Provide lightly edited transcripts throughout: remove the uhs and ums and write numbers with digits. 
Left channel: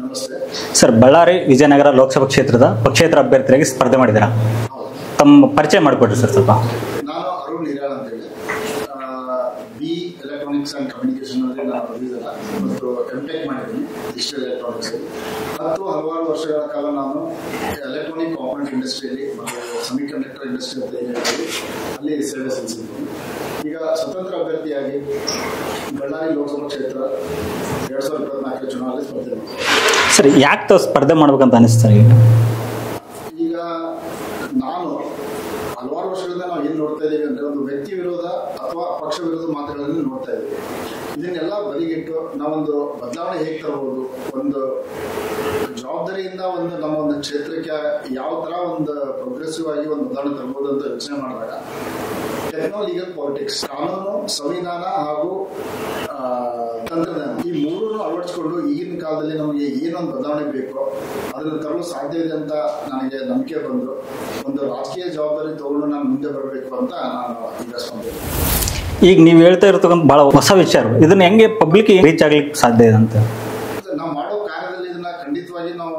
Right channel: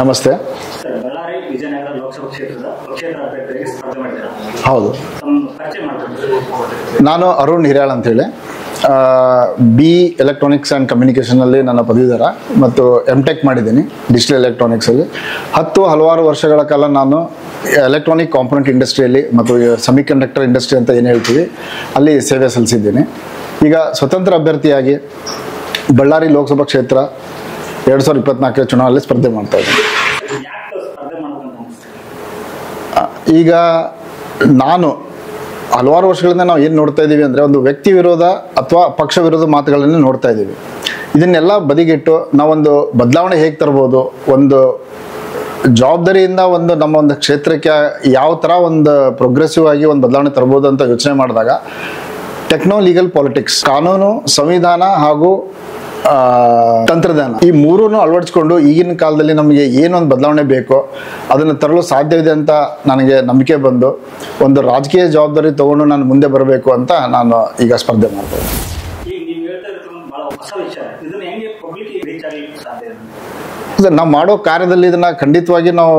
ನಮಸ್ತೆ ಸರ್. ಬಳ್ಳಾರಿ ವಿಜಯನಗರ ಲೋಕಸಭಾ ಕ್ಷೇತ್ರದ ಪಕ್ಷೇತರ ಅಭ್ಯರ್ಥಿಯಾಗಿ ಸ್ಪರ್ಧೆ ಮಾಡಿದ್ದೀರಾ? ಹೌದು. ತಮ್ಮ ಪರಿಚಯ ಮಾಡಿಕೊಡ್ರಿ ಸರ್ ಸ್ವಲ್ಪ. ನಾನು ಅರುಣ್ ಹಿರಿಯಾಳ್ ಅಂತೇಳಿ ಬಿ ಎಲೆಕ್ಟ್ರಾನಿಕ್ಸ್ ಆ್ಯಂಡ್ ಕಮ್ಯುನಿಕೇಷನಲ್ಲಿ ನನ್ನ ಪದವೀಧರ ಮತ್ತು ಎಮ್.ಟೆಕ್ ಮಾಡಿದ್ದೀನಿ ಡಿಜಿಟಲ್ ಎಲೆಕ್ಟ್ರಾನಿಕ್ಸಲ್ಲಿ. ಹಲವಾರು ವರ್ಷಗಳ ಕಾಲ ನಾನು ಎಲೆಕ್ಟ್ರಾನಿಕ್ ಕಾಂಪೊನೆಂಟ್ ಇಂಡಸ್ಟ್ರಿಯಲ್ಲಿ ಮತ್ತು ಸೆಮಿಕಂಡಕ್ಟರ್ ಇಂಡಸ್ಟ್ರಿ ಅಂತ ಏನು ಹೇಳ್ತೀವಿ ಅಲ್ಲಿ ಸೇವೆ ಸಲ್ಲಿಸಿದ್ದೀನಿ. ಈಗ ಸ್ವತಂತ್ರ ಅಭ್ಯರ್ಥಿಯಾಗಿ ಬಳ್ಳಾರಿ ಲೋಕಸಭಾ ಕ್ಷೇತ್ರ 2024 ಚುನಾವಣೆಯಲ್ಲಿ ಸ್ಪರ್ಧೆ ಮಾಡ್ತಾ ಇದ್ದೀನಿ. ಸರ್, ಯಾಕೆ ಸ್ಪರ್ಧೆ ಮಾಡ್ಬೇಕಂತ ಅನಿಸ್ತಾರೆ? ಈಗ ನಾನು ಹಲವಾರು ವರ್ಷಗಳಿಂದ ನಾವು ಏನು ನೋಡ್ತಾ ಇದ್ದೀವಿ ಅಂದರೆ ಒಂದು ವ್ಯಕ್ತಿ ವಿರೋಧ ಅಥವಾ ಪಕ್ಷ ವಿರೋಧ ಮಾತುಗಳನ್ನೇ ನೋಡ್ತಾ ಇದ್ದೀವಿ. ಇದನ್ನೆಲ್ಲ ಬದಿಗಿಟ್ಟು ನಾವೊಂದು ಬದಲಾವಣೆ ಹೇಗೆ ತರ್ಬೋದು, ಒಂದು ಜವಾಬ್ದಾರಿಯಿಂದ ನಮ್ಮ ಒಂದು ಕ್ಷೇತ್ರಕ್ಕೆ ಯಾವ ಥರ ಒಂದು ಪ್ರೋಗ್ರೆಸಿವ್ ಆಗಿ ಒಂದು ಬದಲಾವಣೆ ತರ್ಬೋದು ಅಂತ ಯೋಚನೆ ಮಾಡಿದಾಗ ಟೆಕ್ನೋ ಲೀಗಲ್ ಪಾಲಿಟಿಕ್ಸ್, ಕಾನೂನು, ಸಂವಿಧಾನ ಹಾಗೂ ತಂತ್ರಜ್ಞಾನ, ಈ ಮೂರನ್ನು ಅಳವಡಿಸ್ಕೊಂಡು ಈಗಿನ ಕಾಲದಲ್ಲಿ ನಮಗೆ ಏನೊಂದು ಬದಲಾವಣೆ ಬೇಕೋ ಅದನ್ನು ತರಲು ಸಾಧ್ಯವಿದೆ ಅಂತ ನನಗೆ ನಂಬಿಕೆ ಬಂದು ಒಂದು ರಾಜಕೀಯ ಜವಾಬ್ದಾರಿ ತಗೊಂಡು ನಾನು ಮುಂದೆ ಬರಬೇಕು ಅಂತ ನಾನು ಈಗ ಸ್ಪರ್ಧೆ ಮಾಡ್ತೀನಿ. ಈಗ ನೀವು ಹೇಳ್ತಾ ಇರ್ತಕ್ಕಂಥ ಭಾಳ ಹೊಸ ವಿಚಾರ, ಇದನ್ನ ಹೆಂಗೆ ಪಬ್ಲಿಕ್ ರೀಚ್ ಆಗ್ಲಿಕ್ಕೆ ಸಾಧ್ಯ ಇದೆ ಅಂತ? ನಾವು ಮಾಡೋ ಕಾರ್ಯದಲ್ಲಿ ಇದನ್ನ ಖಂಡಿತವಾಗಿ ನಾವು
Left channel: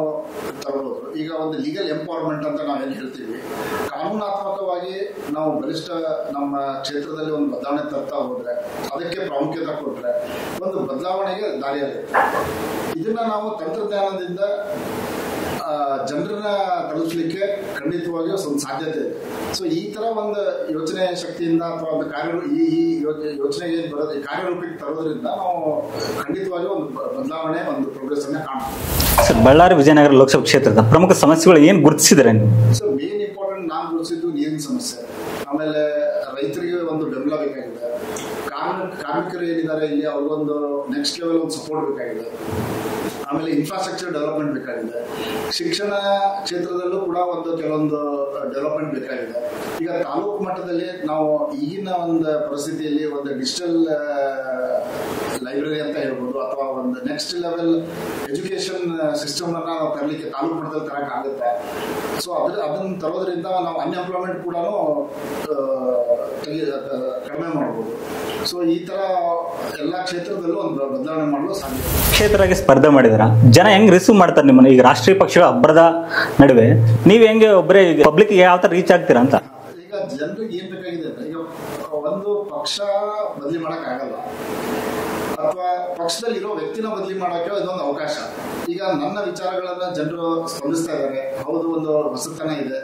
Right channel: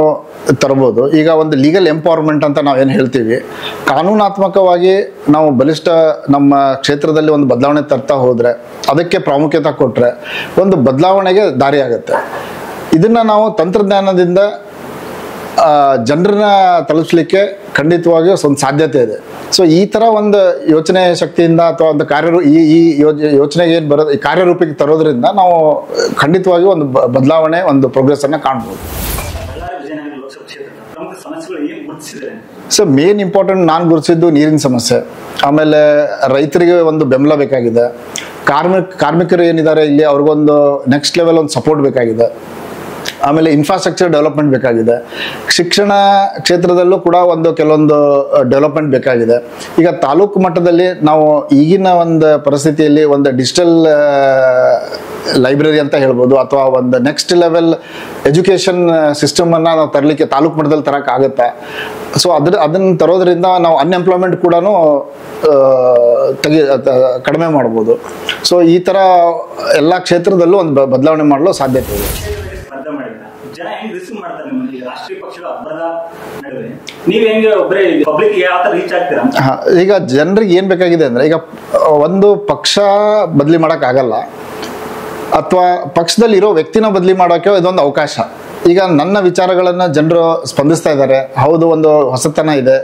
ತರಬಹುದು. ಈಗ ಒಂದು ಲೀಗಲ್ ಎಂಪವರ್ಮೆಂಟ್ ಅಂತ ನಾವೇನು ಹೇಳ್ತೀವಿ, ಕಾನೂನಾತ್ಮಕವಾಗಿ ನಾವು ಬಲಿಷ್ಠ ನಮ್ಮ ಕ್ಷೇತ್ರದಲ್ಲಿ ಒಂದು ಬದಲಾವಣೆ ತರ್ತಾ ಹೋದ್ರೆ, ಅದಕ್ಕೆ ಪ್ರಾಮುಖ್ಯತೆ ಕೊಟ್ಟರೆ ಒಂದು ಬದಲಾವಣೆಗೆ ದಾರಿ ಆಗುತ್ತೆ. ಇದನ್ನ ನಾವು ತಂತ್ರಜ್ಞಾನದಿಂದ ಜನರನ್ನ ತಲುಪಿಸ್ಲಿಕ್ಕೆ ಖಂಡಿತವಾಗಿಯೂ ಒಂದು ಸಾಧ್ಯತೆ ಇದೆ. ಸೊ ಈ ಥರ ಒಂದು ಯೋಚನೆ ಶಕ್ತಿಯಿಂದ ಅಥವಾ ಒಂದು ಈ ಯೋಚನೆಗೆ ಏನು ಬರೋದು, ಈ ಕಾರ್ಯರೂಪಿಗೆ ತರೋದ್ರಿಂದ ನಾವು ಖಂಡಿತವಾಗಿಯೂ ಒಂದು ಬದಲಾವಣೆ, ಒಂದು ಪ್ರೋಗ್ರೆಸ್ ಅನ್ನ ಕಾಣ್ಬೋದು. ಸರ್, ಬಳ್ಳಾರಿ ವಿಜಯನಗರ ಲೋಕಸಭಾ ಕ್ಷೇತ್ರದ ಪ್ರಮುಖ ಸಮಸ್ಯೆಗಳು ಏನು ಗುರುತಿಸಿದ್ರೆ? ಸೊ ಮೇನ್ ಇಂಪಾರ್ಟೆಂಟ್ ನಾನು ಗುರುತಿಸಿದ್ದು ನೀರಿನ ಸಮಸ್ಯೆ, ಆಮೇಲೆ ರೈತರಿಗೆ ಒಂದು ಬೆಂಬಲ ಬೇಕಾಗಿದೆ, ಕಾರ್ಮಿಕರು ಏನಿದ್ದಾರೆ ಇಲ್ಲಿ ಅವ್ರಿಗೊಂದು ನೆಕ್ಸ್ಟ್ ಲೆವೆಲ್ ಒಂದು ಸಪೋರ್ಟ್ ಬೇಕಾಗಿದೆ, ಆಮೇಲೆ ಇನ್ಫ್ರಾಸ್ಟ್ರಕ್ಚರ್ ಡೆವಲಪ್ಮೆಂಟ್ ಬೇಕಾಗಿದೆ, ಶಿಕ್ಷಣ ಕ್ಷೇತ್ರದಲ್ಲೂ ಕೂಡ ಕೆಲವೊಂದು ಡೆವಲಪ್ಮೆಂಟ್ ಬೇಕಾಗಿದೆ. ಈಗ ತಾಲೂಕು ಮಟ್ಟದಲ್ಲಿ ನಾವು ಈಗಿನ ಒಂದು ಪರಿಸ್ಥಿತಿಯಲ್ಲಿ ಒಂದು ಡಿಜಿಟಲ್ ಲೈಬ್ರರಿ ಅಂತ ಹೇಳ್ಬೋದು, ಅಥವಾ ಒಂದು ನೆಕ್ಸ್ಟ್ ಲೆವೆಲ್ ಎಜುಕೇಷನ್ ಸಿಸ್ಟಮ್ ಅನ್ನ ನಾವು ತರಲಿಕ್ಕೆ ತಾಲೂಕು ಮಟ್ಟದಲ್ಲಿ ತರಕ್ಕಾಗುತ್ತೆ. ಸೊ ಅದನ್ನ ತರೋದ್ರಿಂದ ನಾವು ಅನ್ಎಂಪ್ಲಾಯ್ಮೆಂಟ್ ಕೂಡ ಕಡಿಮೆ ಮಾಡ್ಬೋದು. ಸೊ ಈ ತರ ಎಲ್ಲಾ ಕ್ಷೇತ್ರದಲ್ಲೂ ಒಂದು ಬದಲಾವಣೆ ಮಾಡಲು ಸಾಧ್ಯತೆ ಇದೆ. ಕ್ಷೇತ್ರಕ್ಕೆ ಸ್ಪರ್ಧೆ ಮಾಡಿದಾರ, ಜನ ಹೆಂಗ್ ರಿಸೀವ್ ಮಾಡ್ತಾರೆ ನಿಮ್ಮನ್ನ? ಈಗ ರಾಷ್ಟ್ರೀಯ ಪಕ್ಷಗಳ ಅಬ್ಬರದ ನಡುವೆ ನೀವ್ ಹೆಂಗೆ ಒಬ್ಬರೇ ಪಬ್ಲಿಕ್ ಯಾವ ತರ ರೀಚ್ ಆಗ್ತೀರಾ ಅಂತ? ಈಗ ಜನರಿಗೆ ಏನ್ ಬೇಕಾಗಿದೆ ಅಂದ್ರೆ, ಈಗ ಒಂದು ಪಕ್ಷ ಬದಲಿ ಮಾಡಕ್ ಆಗಲ್ಲ, ಅಥವಾ ಪಕ್ಷದಲ್ಲಿ ಇರೋ ವ್ಯಕ್ತಿನ ಬದಲಿ ಮಾಡೋಕೆ ಇದೊಂದು ಅವಕಾಶ. ಈಗ ನನ್ನ ವಿಚಾರಗಳನ್ನ ಜನರು ಸ್ಪಂದಿಸ್ತಾ ಇದ್ದಾರೆ, ಹೌದು ಒಂದು ಹೊಸತನ ಇದೆ,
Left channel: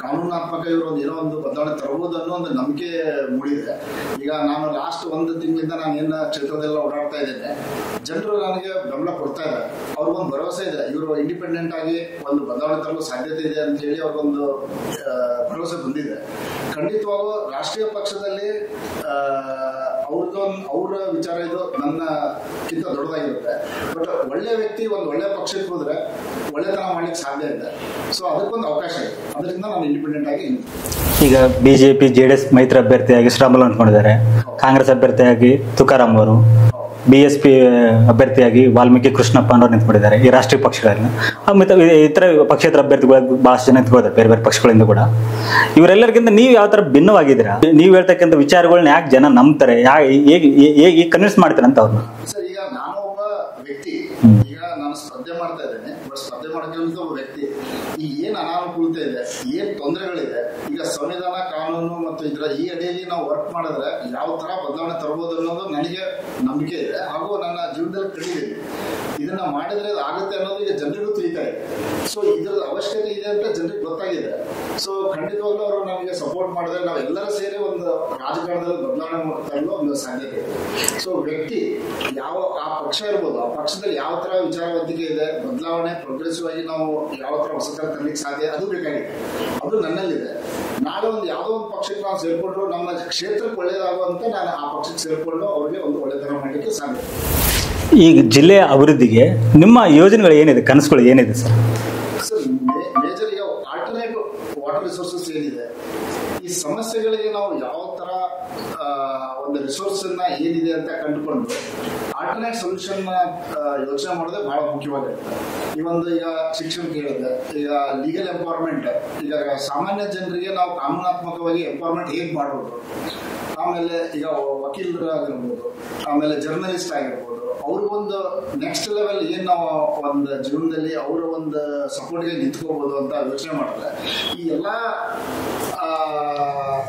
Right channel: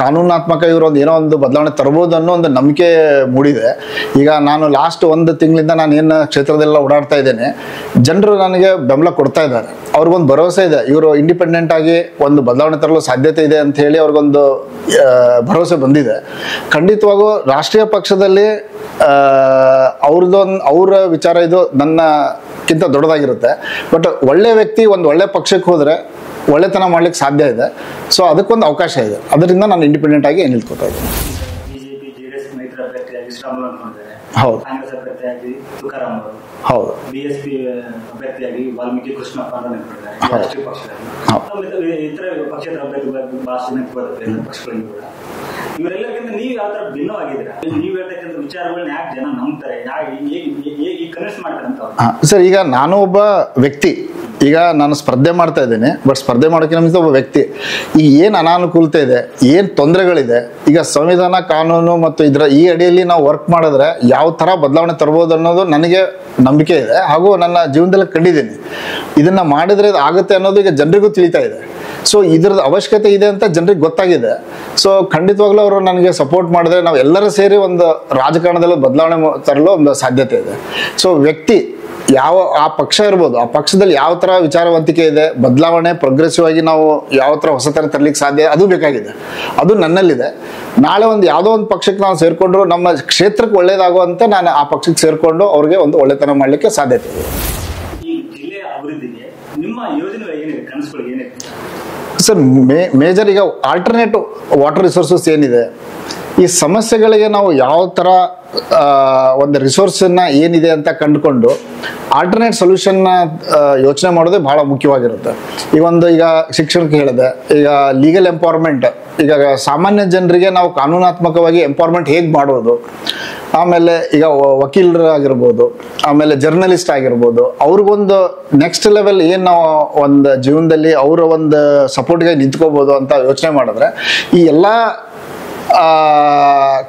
ಕಾನೂನಾತ್ಮಕ ಇವರು ಏನೋ ಒಂದು ಬದಲಾವಣೆ ತರಬಹುದು ಅನ್ನೋ ಒಂದು ನಂಬಿಕೆ ಮೂಡಿದೆ. ಈಗ ನಾನು ಲಾಸ್ಟ್ 1 ತಿಂಗಳಿಂದ ನಾನು ಏನು ಕ್ಷೇತ್ರದೆಲ್ಲ ಓಡಾಡ್ತಾ ಇದ್ದೇನೆ, ಜನರು ನನಗೆ ಬೆಂಬಲ ಕೊಡ್ತಾ ಇದ್ದಾರೆ. ಅವ್ರಿಗೊಂದು ಭರವಸೆ ಇದೆ, ಇವರು ಇಂಡಿಪೆಂಡೆಂಟ್ ಆಗಿ ಒಂದು ಬದಲಾವಣೆ ತರಲು ಸಾಧ್ಯತೆ ಇದೆ ಅಂತ ಹೇಳಿ ಅವ್ರಿಗೊಂದು ಭರವಸೆ ಬಂದಿದೆ. ಖಂಡಿತವಾಗೂ ರಾಷ್ಟ್ರೀಯ ಪಕ್ಷದಲ್ಲಿ ಅವ್ರ ವಿಚಾರ ಇದು ನನ್ನಕ್ಕಿಂತ ದೊಡ್ಡದಾಗಿರುತ್ತೆ. ಬಟ್ ಒಳ್ಳೆ ವ್ಯಕ್ತಿ ಒಂದು ಒಳ್ಳೆ ಪಕ್ಷಕ್ಕೆ ಹೋದ್ರೆ ಒಳ್ಳೆತನ ಮಾಡ್ಲಿಕ್ಕೆ ಸಾಧ್ಯ ಇದೆ. ಸೊ ಅದಕ್ಕೊಂದು ಅವಕಾಶ ಇದೆ, ಅದರಿಂದ ನಾನು ಇಂಡಿಪೆಂಡೆಂಟ್ ಆಗಿ ನಿಲ್ಕೊತಾ ಇದ್ದೀನಿ. ಈಗ ಬಿಜೆಪಿ JDS ಮೈತ್ರಿ ಅಭ್ಯರ್ಥಿಯಾಗಿ ಶ್ರೀರಾಮುಲು ಅಂದ್ಕೊಂಡಿದ್ದಾರೆ, ಕಾಂಗ್ರೆಸ್ ಅಭ್ಯರ್ಥಿಯಾಗಿ ತುಕಾರಾಮ್ ಅವರು, ಹೌದು, BSP ಅಭ್ಯರ್ಥಿಯಾಗಿ ವಾಲ್ಮೀಕಿ ಕೃಷ್ಣಪ್ಪ ಅನ್ನೋರು ನಿಂತ್ಕೊಂಡಿದ್ದಾರೆ ಈ ರಾಷ್ಟ್ರೀಯ ಪಕ್ಷಗಳಲ್ಲಿ. ಇತರ ಪಕ್ಷೇತರ ಅಭ್ಯರ್ಥಿಗಳು ಬಹಳಷ್ಟು ಜನ ನಿಂತ್ಕೊಂಡಿದ್ದಾರೆ ಬೇರೆ ಬೇರೆ ಪಕ್ಷಗಳಿಂದ ಕೂಡ. ಇವರೆಲ್ಲರಿಗಿಂತ ನೀವು ಯಾವ ತರ ಭಿನ್ನವಾಗಿದ್ದೀರಾ? ನೀವು ಹೇಳ್ತಕ್ಕಂಥ ವಿಚಾರಗಳನ್ನ ಯಾಕೆ ಜನ ನಂಬ್ತಾರೆ, ಹೇಗೆ ಕನ್ವಿನ್ಸ್ ಮಾಡ್ತಾರೆ ಅಂತ ಅವ್ರು? ಸರ್, ಈಗ ನಾನು ಒಬ್ಬ ವ್ಯಕ್ತಿ, ಈಗ ನಾನು ಸ್ಪರ್ಧೆ ಮಾಡ್ತಾ ಇದ್ದೇನೆ, ಬಟ್ ಸ್ಪರ್ಧೆ ಮಾಡೋಕೆ ನಮ್ಗೆ ಒಬ್ಬ ವ್ಯಕ್ತಿ. ಈಗ ಏನ್ ಅನಾನುಕೂಲತೆ ಇದೆ, ಏನ್ ತೊಂದರೆಗಳಿದೆ, ಈಗ ಸಂವಿಧಾನ, ಕಾನೂನು ಮತ್ತು ಈ ಅಡಿಯಲ್ಲಿ ನಾವು ವರ್ಕ್ ಮಾಡಿದ್ರೆ ಯಾವ ತರ ಬದಲಾವಣೆ ತರಬಹುದು ಅನ್ನೋದು ನನಗೆ ನಂಬಿಕೆ ಇದೆ, ಹಾಗೂ ನನ್ನ ಜೀವನದಲ್ಲಿ ಕಂಡಿದ್ದೀನಿ. ಇದನ್ನ ಮಾಡಿದ್ರೆ ಇದು ಆಗುತ್ತೆ ಅನ್ನೋದು ಈಗ ಜನರಿಗೂ ತಿಳಿತಾ ಇದೆ. ಸೊ ಇದ್ರದ್ದು ಅವಶ್ಯಕತೆ ಇದೆ ಅಂತ ಜನರಿಗೆ ಗೊತ್ತಾಗಿದೆ. ಸೊ ಖಂಡಿತವಾಗ್ಲೂ ಅವರು ನನಗೆ ಸಪೋರ್ಟ್ ಮಾಡಿದ್ರೆ ನಾವು ಎಲ್ಲರೂ ಸೇರಿ ಒಂದು ರಾಜಕಾರಣದಲ್ಲಿ ಬದಲಾವಣೆ ತರಲು ಒಂದು ಸಾಧ್ಯತೆ ಇದೆ. ಸೊ ವ್ಯಕ್ತಿ ಆ ಪಕ್ಷ ಇರ್ಬೋದು, ಆ ಪಕ್ಷದಲ್ಲಿ ಯಾವ ತರ ವಿಚಾರವಂತಿಕೆ ಇದೆ, ಬದಲಾವಣೆ ಪ್ರೋಗ್ರೆಸಿವ್ ಆಗಿ ನಾವು ಯಾವ ತರ ಹೊಸತನ ತರಲಿಕ್ಕೆ ಸಾಧ್ಯ, ಅದು ಬೇಕಾಗಿದೆ, ಅದು ನನ್ನಲ್ಲಿದೆ. ನಾಳೆ ಯಾವುದೋ ಒಂದು ಪಕ್ಷಕ್ಕೆ ನಾವು ಸೇರ್ಕೊಂಡ್ರು ನಮ್ಮ ಕ್ಷೇತ್ರಕ್ಕೆ ಒಳ್ಳೇದಾಗುವಂತೆ ನಾನು ಆ ಪಕ್ಷಕ್ಕೆ ಸೇರ್ಕೊಂಡು ಅವ್ರಿಗೆ ಒಂದು ಒಳ್ಳೆತನ ಮಾಡ್ಲಿಕ್ಕೆ ಸಾಧ್ಯತೆ ಇದೆ. ಈಗ ಜಿಲ್ಲೆಯ ಅಭಿವೃದ್ಧಿಗೆ ನಿಮ್ಮ ಯೋಜನೆಗಳು ಏನಿದೆ, ಕನಸುಗಳು ಏನಿದೆ ಸರ್? ಸರ್ ಮೇಜರ್ ಈಗ ಆಲ್ಟರ್ನೇಟಿವ್ ವಾಟರ್ ರಿಸೋರ್ಸಸ್ ಏನಿದೆ, ಈ ಸಮಸ್ಯೆಗಳಿಗೆ ನಾವು ಯಾವ ಥರ ಒಂದು ರಿಸೋರ್ಸನ್ನ ಏನಿದೆ ಅಂತ ಕಂಡುಕೊಂಡು ಆಲ್ಟರ್ನೇಟ್ ಸೊಲ್ಯೂಷನ್ನ ಯೋಚನೆ ಮಾಡೋದೇ ಬಹಳ ಮುಖ್ಯವಾಗಿರುತ್ತೆ. ಈಗ ಶಿಕ್ಷಣಕ್ಕೆ ಹೇಳಿದೆ, ಈಗ ಲೀಗಲ್ ಎಂಪವರ್ಮೆಂಟ್, ಈಗ ಸಾಮಾನ್ಯ ಜನರಿಗೆ ನಾವು ಕಾನೂನಾತ್ಮಕವಾಗಿ ಎಂಪವರ್ಮೆಂಟ್ ಹೇಗೆ ಮಾಡೋದು, ಆಮೇಲೆ ಈಗ ವಕೀಲರಾಗಿರ್ಬೋದು, ಆಮೇಲೆ ಜರ್ನಲಿಸ್ಟ್ ಆಗಿರ್ಬೋದು, ಅವ್ರಿಗೊಂದು ನೆಕ್ಸ್ಟ್ ಲೆವೆಲ್ ಏನು ನಾವು ಒಂದು ಜೀವನದಲ್ಲಿ ಅವರ ಒಂದು ಸಪೋರ್ಟ್ಗೆ ನಿಂತ್ಕೋಬೋದು ಅಂತ ಯೋಚನೆ ಮಾಡಿದ್ರೆ ಈ ಎಲ್ಲ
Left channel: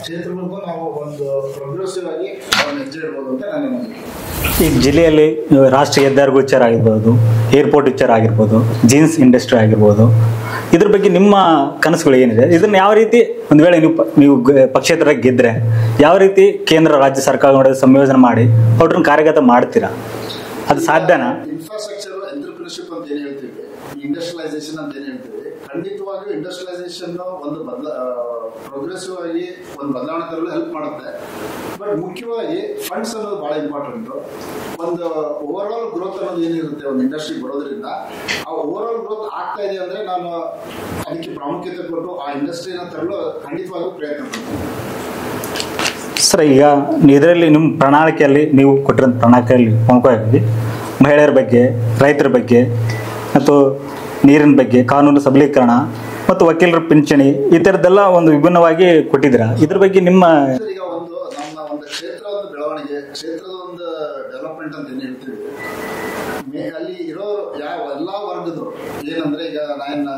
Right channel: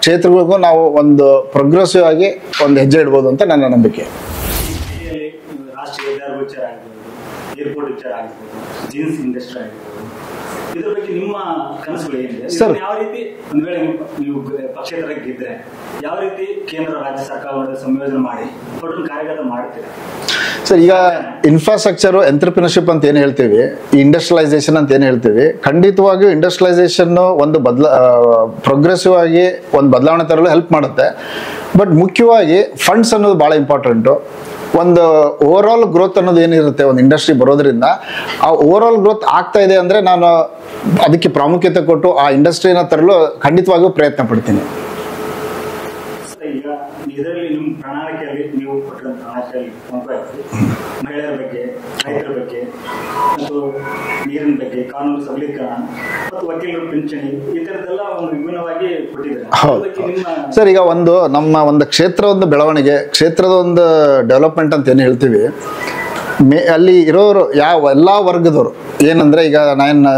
ಕ್ಷೇತ್ರಗಳಿಗೂ ನಾವು ಒಂದು ಪ್ರೋಗ್ರೆಸಿವ್ ಆಗಿ ಒಂದು ಹೆಜ್ಜೆ ಇಡ್ಬೋದು ಅಂತ ನನ್ನ ನಂಬಿಕೆ. ಈ ಜಿಲ್ಲೆಯಲ್ಲಿ ರಾಷ್ಟ್ರೀಯ ಹೆದ್ದಾರಿಗಳ ವಿಚಾರ ಆಗಿರ್ಬೋದು, ಏರ್ಪೋರ್ಟ್ ವಿಚಾರ ಆಗಿರ್ಬೋದು, ಜೀನ್ಸ್ ಇಂಡಸ್ಟ್ರಿ ಆಗಿರ್ಬೋದು, ಇದ್ರ ಬಗ್ಗೆ ನಿಮ್ಮ ಕನಸುಗಳು ಏನಿದೆ? ಇದನ್ನು ಯಾವ ರೀತಿ ಒಂದು ವೇಳೆ ನೀವು ಪಕ್ಷೇತರ ಗೆದ್ರೆ ಯಾವ ರೀತಿ ಕೇಂದ್ರ ರಾಜ್ಯ ಸರ್ಕಾರ ಸಂಯೋಜನೆ ಮಾಡಿ ಅವ್ರನ್ನ ಕಾರ್ಯಗತ ಮಾಡ್ತೀರಾ? ಇನ್ಫ್ರಾಸ್ಟ್ರಕ್ಚರ್ ಎಂಟರ್ಪ್ರಿನರ್ಶಿಪ್ ಅಂತ ಏನ್ ಹೇಳ್ತೀವಿ, ಇಂಡಸ್ಟ್ರಿಯಲೈಸೇಷನ್ ಅಂತ ಏನ್ ಹೇಳ್ತೀವಿ, ಖಂಡಿತವಾಗಿಯೂ ಇಂಡಸ್ಟ್ರಿಯಲೈಸೇಷನ್ ಒಂದು ಪ್ರೋಗ್ರೆಸಿವ್ ಆಗಿ ಒಂದು ಬದಲಾವಣೆ ತರಲು ಹೆಲ್ಪ್ ಮಾಡುತ್ತೆ. ಬಟ್ ಮುಖ್ಯವಾಗಿ ಫಂಡ್ಸ್ ಅನ್ನೋದು ಬಹಳ ಇಂಪಾರ್ಟೆಂಟು. ಒಂದು ಓವರ್ ಆಲ್ ಗ್ರೋತ್ ಅನ್ನೋದು ಏನಿರುತ್ತೆ ಒಂದು ಇಂಡಸ್ಟ್ರಿ ಬರೋದ್ರಿಂದ, ಆ ಓವರ್ ಆಲ್ ಗ್ರೋತ್ ಆಗ್ತಾ ಇದೆ ಅಂದ್ರೆ ನಾನು ಅದಕ್ಕೆ ಪ್ರಾಮುಖ್ಯತೆ ಕೊಟ್ಟು ಆ ಇಂಡಸ್ಟ್ರಿನ ತರಲು ಖಂಡಿತವಾಗಿಯೂ ಪ್ರಯತ್ನ ಪಡ್ತೀನಿ. ಸರ್, ಈಗ ಇದರಲ್ಲಿ ನಿಮ್ಮ ಪ್ರಣಾಳಿಕೆಯಲ್ಲಿ ನೀವು ಕೊಟ್ಟಿರೋ ಪ್ರಣಾಳಿಕೆಯಲ್ಲಿ ಪ್ರಮುಖವಾಗಿ ಮಹಿಳೆಯರ ಬಗ್ಗೆ, ರೈತರ ಬಗ್ಗೆ ಮತ್ತು ನೀರಿನ ಬಗ್ಗೆ, ಕಾನೂನು ಸಬಲೀಕರಣ ಮತ್ತು ವಕೀಲರ ಪಿಂಚಣಿ ಈ ಥರದ್ದೆಲ್ಲ ಒಂದು ವಿಭಿನ್ನವಾಗಿ ಕೊಟ್ಟಿದ್ದೀರಾ. ಅದ್ರ ಬಗ್ಗೆ ನಿಮ್ಮ ಸರ್, ಈಗ ನಮ್ಮ ಒಂದು ಕ್ಷೇತ್ರ ಒಂದು ಬೆಳವಣಿಗೆ, ಕ್ಷೇತ್ರದ ಒಂದು ಡೆವಲಪ್ಮೆಂಟ್ ಅಂತ ಏನು ಹೇಳ್ತೀವಿ, ಅಲ್ಲಿ ಇರೋರು ಎಲ್ಲ ವರ್ಗದವರು ಏನಂದ್ರೆ ಈಗ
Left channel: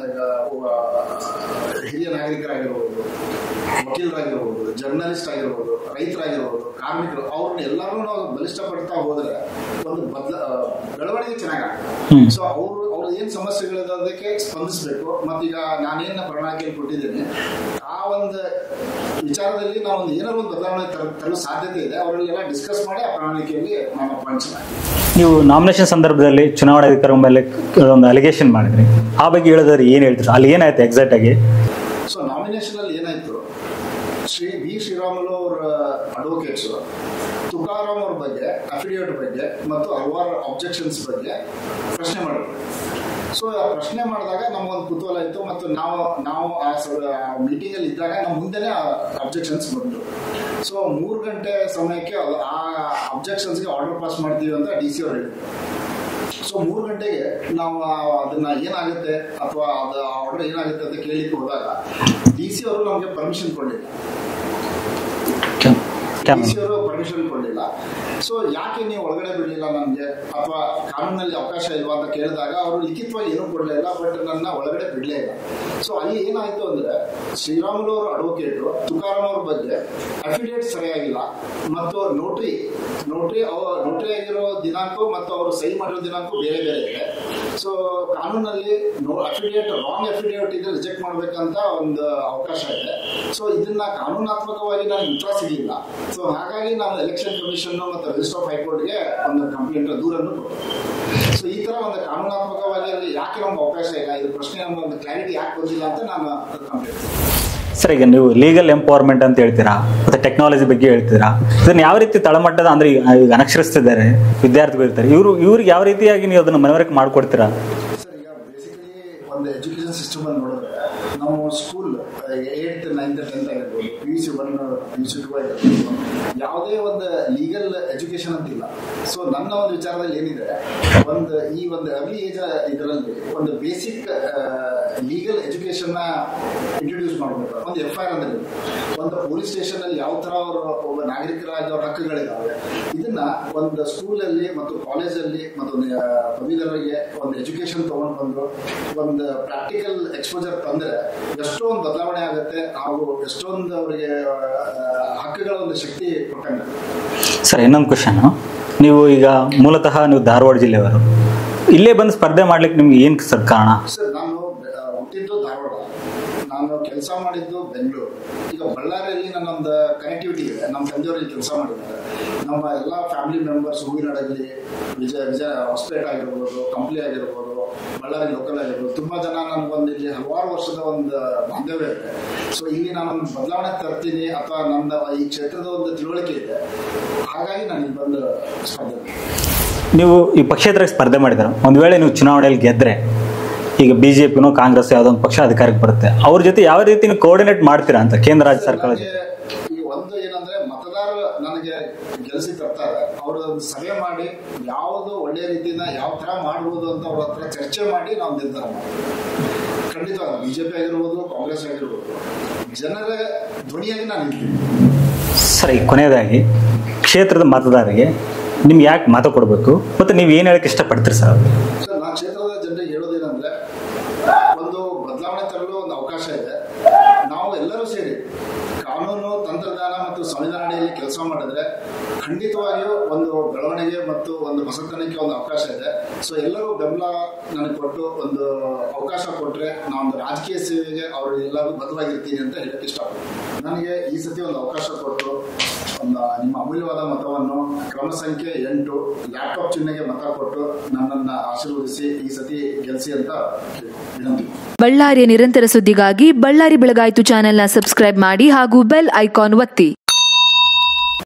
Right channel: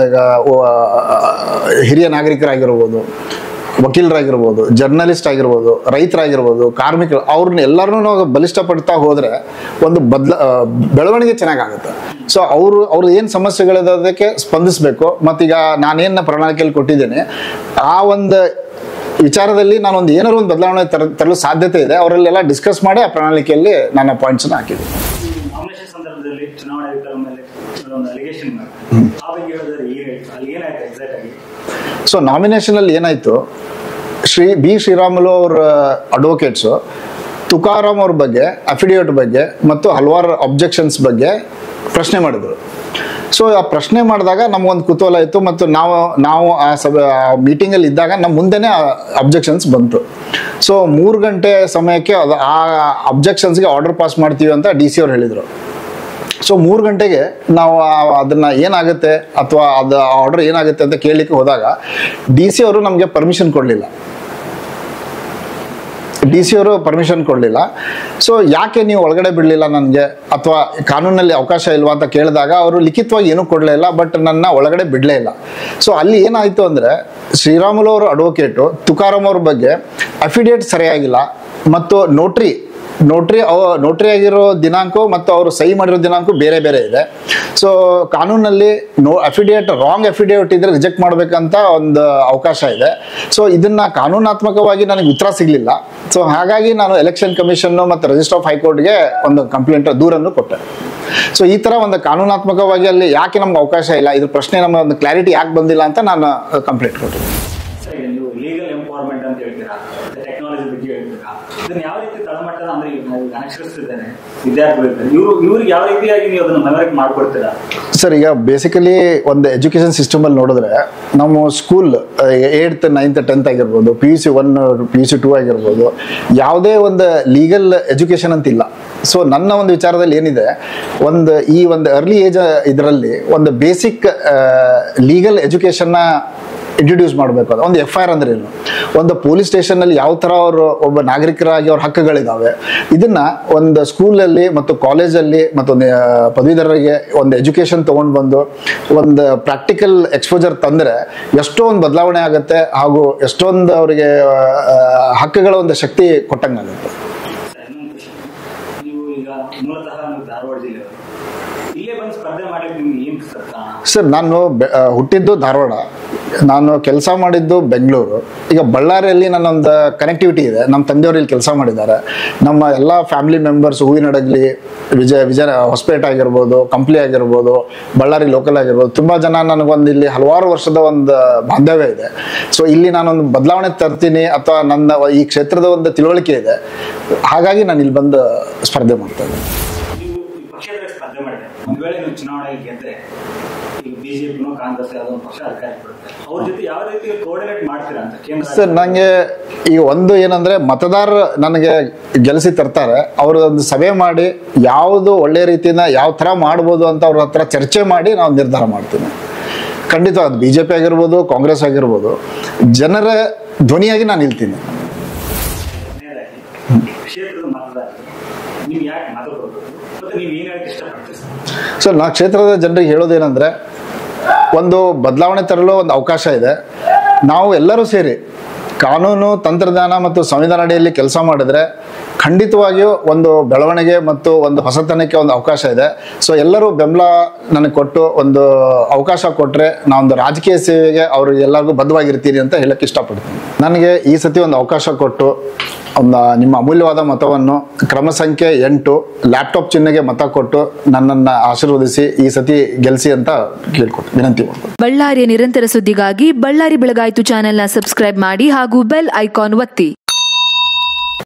ಈಗ ಹಿರಿಯ ನಾಗರಿಕರಾಗಿರ್ಬೋದು, ವಕೀಲರಾಗಿರ್ಬೋದು, ಜರ್ನಲಿಸ್ಟ್ ಆಗಿರ್ಬೋದು, ರೈತರಾಗಿರ್ಬೋದು, ಕಾರ್ಮಿಕರು, ಅವ್ರನ್ನ ಎಲ್ಲರನ್ನೂ ನಾವು ಬಲಿಷ್ಠಪಡ್ತಾ ಹೋದ್ರೆ ಒಂದು ಬೆಳವಣಿಗೆ ಚೆನ್ನಾಗಾಗುತ್ತೆ. ಸೊ ಅವ್ರು ಏನ್ ಸಮಸ್ಯೆಗಳಿದೆ ಅದಕ್ಕೆ ಸ್ಪಂದಿಸ್ಬೇಕು. ಮತ್ತೀಗ ನಾನೇನ ಪ್ರಣಾಳಿಕೆಯಲ್ಲಿ ಕೊಟ್ಟಿದ್ದೇನೆ ಆ ಒಂದು ವಿಚಾರದಲ್ಲಿ ನಾನೊಂದು ಏನಾದ್ರು ಒಂದು ಬದಲಾವಣೆ ತರಲು ಸಾಧ್ಯತೆ ಇದೆ, ಅವರಲ್ಲೆಲ್ಲ ಡಿಸ್ಕಸ್ ಮಾಡಿ ಆ ಪ್ರಣಾಳಿಕೆಯಲ್ಲಿ ನನ್ನ ಪಾಯಿಂಟ್ಸ್ ಹಾಕಿದ್ದೆ. ನೀವು ನಾಮಿನೇಷನ್ ಸಂದರ್ಭದಲ್ಲಿ ಚುನಾವಣಾಧಿಕಾರಿ ಮೇಲೆ ಒಂದು ಅಲಿಗೇಷನ್ ಮಾಡಿದ್ರಿ, ಆ ಬಗ್ಗೆ ಹೇಳಿದ್ರೆ ಏನ್ ಹೇಳ್ತೀರಾ? ಅಲ್ಲಿ ಏನಾಯ್ತು ಎಕ್ಸಾಕ್ಟ್ ಆಗಿ? ಸೊ ನಾಮಿನೇಷನ್ ಅಲ್ಲಿ ಏನಾಯ್ತು, ಬಿ ಶ್ರೀರಾಮುಲು ಅವರ ಅಡ್ವೊಕೇಟ್ಸ್ ತುಕಾರಾಮ್ ಅವ್ರ ಬಗ್ಗೆ ಅಫಿಡೇವಿಟ್ ಬಗ್ಗೆ ಮತ್ತು ಹಲವಾರು ಅಬ್ಜೆಕ್ಷನ್ಸ್ ಬಗ್ಗೆ ಪ್ರಶ್ನೆ ಮಾಡಿದ್ರು. ಸೊ ಆ ಪ್ರಶ್ನೆ ಮಾಡಿದಾಗ ನಮ್ಗೊಂದು ಕುತೂಹಲ ಇತ್ತು ಮತ್ತು ನಾವು ಆ ಮೀಟಿಂಗ್ ಅಲ್ಲಿ ಇದ್ದಾಗ ನಮ್ಮ ಮುಂದೆನೆ ಅಬ್ಜೆಕ್ಷನ್ಸ್ ಬಂತು. ಸೊ 3 ಗಂಟೆ ಸಮಯಕ್ಕೆ ಆ ಅಬ್ಜೆಕ್ಷನ್ಸ್ಗೆ ಆರ್ಡರ್ ಪಾಸ್ ಮಾಡ್ತೀವಿ ಅಂತ DC ಅವ್ರು ಹೇಳಿದ್ರು. ಸೊ 3 ಗಂಟೆಗೆ ನಾವು ಅದನ್ನ ಏನಾಗುತ್ತೆ ಅಥವಾ ಅದು ಆರ್ಡರ್ ಏನಾಗುತ್ತೆ ಅಂತ ಕೇಳಲಿಕ್ಕೆ ಹೋದಾಗ DC ಅವರು ನಮಗೆ ಪರ್ಮಿಷನ್ ಕೊಡಲಿಲ್ಲ. ಸೊ ಯಾಕೆ ನೀವು ಒಳಗಡೆ ಬಿಡಲಿಲ್ಲ ನನಗೆ, ಅಥವಾ ಕಾನೂನಲ್ಲಿ ಅವಕಾಶ ಇಲ್ವಾ ಅಂತ ಕೇಳಿದಾಗ ಅವರು ಲಿಖಿತವಾಗಿ ಏನೂ ಕೊಡಲೇ ಇಲ್ಲ, ಬಟ್ ನನ್ನ ಒಳಗಡೆ ಬಿಡಲೇ ಇಲ್ಲ. ಸೊ ಅಲ್ಲಿ ಏನಾಯ್ತು ಅಂದ್ರೆ ಶ್ರೀರಾಮುಲು ಅವರ ಅಡ್ವೊಕೇಟು ತುಕಾರಾಮ್ ಅವ್ರ ಬಗ್ಗೆ ಅಫಿಡೇವಿಟ್ ಸರಿಯಾಗಿಲ್ಲ ಮತ್ತು ನೋಟ್ರಿ ಆಗಿರೋ ದಿನಾಂಕ ಮತ್ತು ಅವರು ಸಹಿ ಮಾಡಿರೋ ದಿನಾಂಕ ಬೇರೆ ಬೇರೆ ಇದೆ. ಸೊ ಕಾನೂನಲ್ಲಿ ರಾಂಗ್ ಅಫಿಡೇವಿಟ್ ಇದ್ರೆ ರಿಜೆಕ್ಟ್ ಮಾಡ್ಬೇಕಂತ ಒಂದು ಅವಕಾಶ ಇದೆ. ಸೊ ಇದನ್ನ ಕಾನೂನಾತ್ಮಕವಾಗಿ ನನಗೆ ಉತ್ತರ ಸಿಗ್ಲಿಲ್ಲ. ಸೊ ಹಾಗಾಗಿ ನಾನು ಎಲೆಕ್ಷನ್ ಕಮಿಷನ್ ಮತ್ತು ರಿಜಿಸ್ಟರ್ ಆಫ್ ಹೈಕೋರ್ಟ್ಗೆ ಒಂದು ದೂರನ್ನು ಕೊಟ್ಟೆ. ಸೊ ಈ ತರ ಒಂದು ಕಾನೂನಾತ್ಮಕವಾಗಿ ಅಲ್ಲಿ ಯಾಕೆ ನಮ್ಗೆ ಅವಕಾಶ ಇಲ್ಲ, ಇದ್ರ ಪ್ರಶ್ನೆ ನಮ್ಮ ಒಂದು ಕ್ಲಾರಿಟಿ ಯಾಕೆ ಬಂದಿಲ್ಲ ಅಂತ ನಾನು ಕಂಪ್ಲೇಂಟ್ ಕೊಟ್ಟೆ. ಸರ್, ಈಗ ನೀವು ಲೀಗಲ್ ಎಂಪವರ್ಮೆಂಟ್ ಅಂತ ಹೇಳ್ತೀರಾ, ಮತ್ತೆ ಟೆಕ್ನಾಲಜಿ ಬಗ್ಗೆ ಹೇಳ್ತೀರಾ, ಇದನ್ನ ಯಾವ ರೀತಿ ತಳಮಟ್ಟದ ಅಂದ್ರೆ ಈಗ ಅನಕ್ಷರಸ್ಥಿದ್ದಾರೆ ವಿದ್ಯಾರ್ಥಿಗಳು ಇರ್ತಾರೆ, ಇವ್ರಿಗೆ ಯಾವ ರೀತಿಯಾಗಿ ನೀವು ಅದನ್ನ ಮನವರಿಕೆ ಮಾಡ್ಕೊಡ್ತೀರಾ? ಸರ್, ಈಗ ಬೇಸಿಕಲಿ ಒಂದು ಎಜುಕೇಶನ್ ಸಿಸ್ಟಮ್ ಅಲ್ಲಿ ನೋಡಿದ್ರೆ ನಮ್ಮ ಸ್ಕೂಲ್ 8th 9th 10th ಆಗಿರ್ಬೋದು, PUC 1 PUC 2 ಆಗಿರ್ಬೋದು, ಯಾವುದೇ ಒಂದು ಲೀಗಲ್ ಎಜುಕೇಶನ್ ಅಂತ ಇಲ್ಲ. ಸೊ ನನ್ನ ಒಂದು ವಿಚಾರದಲ್ಲಿ ಏನಿದೆ, ಈ ಒಂದು ಅರ್ಲಿ ಏಜ್ ಇದರಲ್ಲಿ ಒಂದು ಬೇಸಿಕ್ ಲೀಗಲ್ ಎಜುಕೇಶನ್ನ ಇಂಟ್ರೊಡ್ಯೂಸ್ ಮಾಡಬೇಕು. ಒಂದು FIR ಅಂದ್ರೆ ಏನು, ಒಂದು ಪೊಲೀಸ್ ಸ್ಟೇಷನ್ ಅಲ್ಲಿ ಯಾವ ತರ ಅವರು ಒಬ್ಬ ನಾಗರಿಕರಾಗಿ ಅವ್ರ ಹಕ್ಕುಗಳಿದಾವೆ, ಇದನ್ನ ಒಂದು ಸ್ಕೂಲಲ್ಲಿ ಮತ್ತು ಕಾಲೇಜಲ್ಲಿ ಮತ್ತು ಪದವೀಧರರಿಗೆ ಒಂದು ಎಜುಕೇಶನ್ ತಗೊಂಡು ಬಂದು ಒಂದು ಪ್ರಾಕ್ಟಿಕಲ್ ಎಕ್ಸ್ಪೋಜರ್ ತಂದ್ರೆ ಎಷ್ಟೋ ಒಂದು ಬದಲಾವಣೆ ಆಗುತ್ತೆ, ಹಾಗೂ ಎಷ್ಟೊಂದು ಅವರಿಗೆ ಹಕ್ಕುಗಳ ಒಂದು ಶಕ್ತಿ ಕೊಟ್ಟಂಗಾಗುತ್ತೆ. ಸರ್, ಇನ್ನೊಂದು ಕ್ವಶನ್, ನೀವು ಈಗ ಮೂಲತಃ ನೀವು ಧಾರವಾಡ ಜಿಲ್ಲೆಯವರು, ಇಲ್ಲೇ ಬಂದು ಸ್ಪರ್ಧೆ ಮಾಡ್ಲಿಕ್ಕೆ ನಿಮ್ಗೆ ಏನ್ ಕಾರಣ? ಸರ್, ನಾನು ಹುಟ್ಟಿದ್ದು ಧಾರವಾಡ, ನಾನು ಕೆಲಸ ಮಾಡಿದ್ದು ಬೆಂಗಳೂರು. ಈಗ ಬಳ್ಳಾರಿಯಲ್ಲಿ ನನ್ನೊಂದು ಕನೆಕ್ಟಿವಿಟಿ ಇದೆ, ನಮ್ಮ ತಂದೆಯವರು ಇಲ್ಲಿ ಕೆಲಸ ಮಾಡಿದ್ದಾರೆ. ನಮ್ಮ ಎಲ್ಲ ಫ್ಯಾಮಿಲಿ ಮೆಂಬರ್ಸ್ ಹೂವಿನಡಗಲಿ, ವಿಜಯ ಹೊಸಪೇಟೆ ಆಗಿರ್ಬೋದು, ಕಂಪ್ಲಿ ಆಗಿರ್ಬೋದು, ಬಳ್ಳಾರಿ ಲೋಕಲ್ ಆಗಿರ್ಬೋದು, ತುಂಬಾ ಜನ ನನಗೊಂದು ಇಲ್ಲಿ ಹಲವಾರು ವರ್ಷದ ಒಂದು ಬಾಂಧವ್ಯ ಇದೆ. ಸೊ ಇಲ್ಲಿ ನಾನೊಂದು ಬದಲಾವಣೆ ತರ್ತೀನಿ ಅಥವಾ ನನ್ನ ಈ ಕ್ಷೇತ್ರದ ಒಂದು ತಿಳುವಳಿಕೆ ಇದೆ, ಹಾಗಾಗಿ ನಾನು ಇಲ್ಲಿ ಬಂದು ಸ್ಪರ್ಧೆ ಮಾಡ್ತೇನೆ. ನೀವು ಈ ಪಕ್ಷೇತರಕ್ಕೆ ಸ್ಪರ್ಧೆ ಮಾಡಿದ್ರೆ, ಒಂದು ವೇಳೆ ನೀವು ಚುನಾವಣೆಯಲ್ಲಿ ಗೆದ್ರೆ ಈಗ ಬಿಜೆಪಿನೂ ಕಾಂಗ್ರೆಸ್ ಯಾವುದೋ ಒಂದು ಪಕ್ಷ ಅಧಿಕಾರಕ್ಕೆ ಬರುತ್ತೆ, ಅವ್ರ ಜೊತೆ ಯಾವ ರೀತಿ ಕೋಆರ್ಡಿನೇಟ್ ಮಾಡ್ತೀರಾ ಅಂತ ಕೇಂದ್ರ ಸರ್ ನಂಗೆ ಈಗ ಒಂದು ಏನಂದ್ರೆ ಮತದಾರರು ನನಗೆ ಗೆಲ್ಲಿಸಿ ತರ್ತಾರೆ, ಅವರು ಒಂದು ಸಭೆ ಮಾಡಿ ಯಾವುದು ಒಳ್ಳೆ ರೀತಿಯಿಂದ ಯಾವ ತರ ಮಾಡ್ಬೋದು ಅಂತ ಅವ್ರ ಹತ್ರ ಚರ್ಚೆ ಮಾಡಿ ನಾವು ನಿರ್ಧಾರ ಮಾಡ್ತೀವಿ. ಖಂಡಿತ ಅದು ಬಿಜೆಪಿ ಆಗಿರ್ಬೋದು, ಕಾಂಗ್ರೆಸ್ ಆಗಿರ್ಬೋದು, ಜನರ ಧ್ವನಿಯಾಗಿ ನಾನು ನಿಲ್ತೀನಿ. ಸರಿ, ಕೊನೆಯದಾಗಿ ಕ್ಷೇತ್ರದ ಮತದಾರರಿಗೆ ನಿಮ್ಗೆ ಯಾಕೆ ಮತ ಕೊಡಬೇಕು ಮತ್ತು ನೀವು ಏನು ಹೇಳಕ್ಕೆ ಇಷ್ಟಪಡ್ತೀರಿ ಸರ್? ಸೊ ನಾ ಕ್ಷೇತ್ರದ ಜನರಿಗೆ ಹೇಳೋದೇನೆಂದರೆ, ಒಂದು ಬದಲಾವಣೆ ತರಲು ಒಂದು ಅವಕಾಶ ಇದೆ. ನಾವು ಎಲ್ಲರೂ ಸೇರಿ ಕಾನೂನು, ತಂತ್ರಜ್ಞಾನ ಮತ್ತು ಸಂವಿಧಾನ ಅಡಿಯಲ್ಲಿ ಕೆಲಸ ಮಾಡಿದ್ರೆ ಖಂಡಿತವಾಗಿಯೂ ಒಂದು ಬೆಳವಣಿಗೆ ಮತ್ತು ಒಂದು ಹೊಸತನಕ್ಕೆ ಒಂದು ಅವಕಾಶ ಇದೆ. ಸೊ ಎಲ್ಲರೂ ಬೆಂಬಲ ನನಗೆ ಕೊಟ್ಟು ಒಂದು ಅವಕಾಶ ಕೊಟ್ಟರೆ ನಾವೊಂದು ರಾಜಕೀಯ ಸೇವೆಗೆ ಅವರು ಎಲ್ಲರಿಗೂ ಬದ್ಧವಾಗಿರ್ತೀನಿ ಅಂತ ಹೇಳಕ್ಕೆ ಇಷ್ಟಪಡ್ತೀನಿ. ನನಗೆ ಈ ಸತಿ ಒಂದು ಅವಕಾಶ ಕೊಟ್ಟು ಒಂದು ನಿಮ್ಮ ಅಮೂಲ್ಯವಾದ ಮತವನ್ನು ಕ್ರಮ ಸಂಖ್ಯೆ 8 ಲ್ಯಾಪ್ಟಾಪ್ ಚಿಹ್ನೆಗೆ ಮತ ಕೊಟ್ಟು ನನ್ನನ್ನು ಆಶೀರ್ವದಿಸಿ ಈ ಸತಿ ಗೆಲ್ಲಿಸಿ ಅಂತ ಕೇಳ್ಕೊಟ್ಟು ವಿನಂತಿ ಮಾಡ್ತೀನಿ. ಬಳ್ಳಾರಿಯ ನಿರಂತರ ಸುದ್ದಿಗಾಗಿ ಬಳ್ಳಾರಿ ಬೆಳಗಾಯಿತು ಚಾನೆಲ್ನ ಸಬ್ಸ್ಕ್ರೈಬ್ ಮಾಡಿ ಹಾಗೂ ಬೆಲ್ ಐಕಾನ್ ಒತ್ತಿ.